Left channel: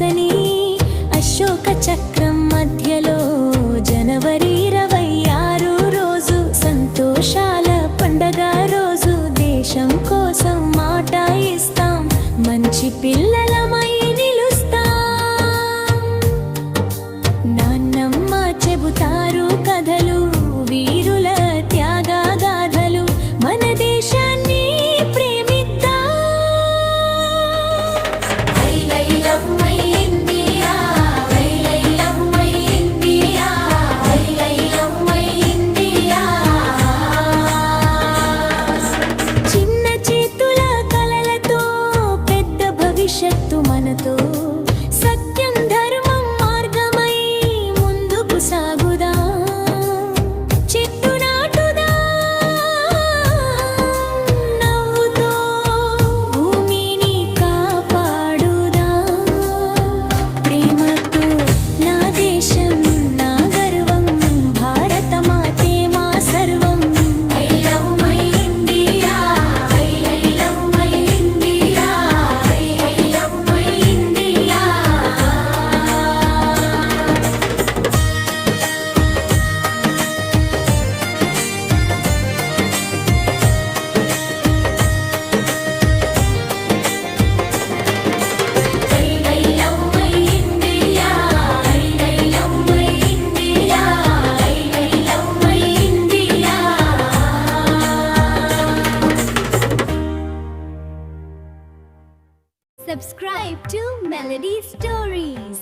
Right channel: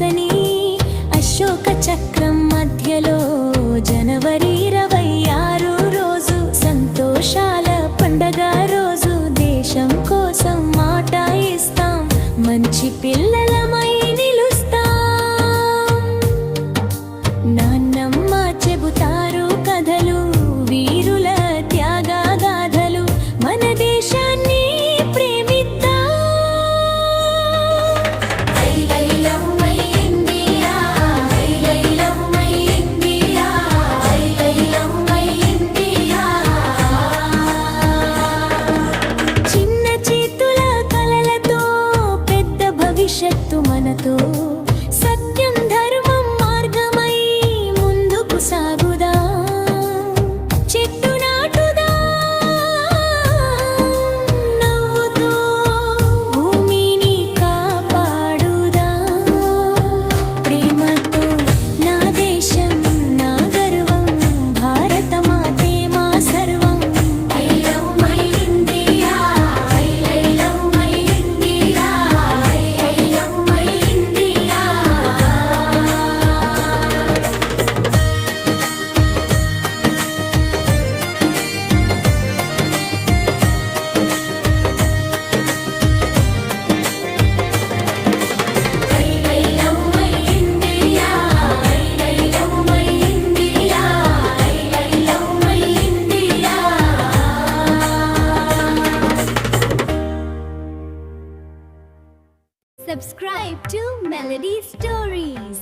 పచ్చని అశోక చక్రం మధ్యలో జనవరి 26 రోజు సంతోషాల పండగ రోజు దేశం కోసం మాట ఇస్తాం, మంచి పిల్లలమై నిలుస్తాం. నాన్నమ్మ చెబుతారు కథలు, వీరుల త్యాగగాథలు, మన దేశాన్ని భవిష్యత్తు మనతో, సత్యం ధర్మం మార్గమై ముందుకు సాగుదా. చెట్టు నాటుదా, నవ్వుతో భూమిని కాపాడుదా. ప్రేమతో నా దేశం నా గర్వం, భారత మాతే మా సర్వం. Subscribe to Melody Stories.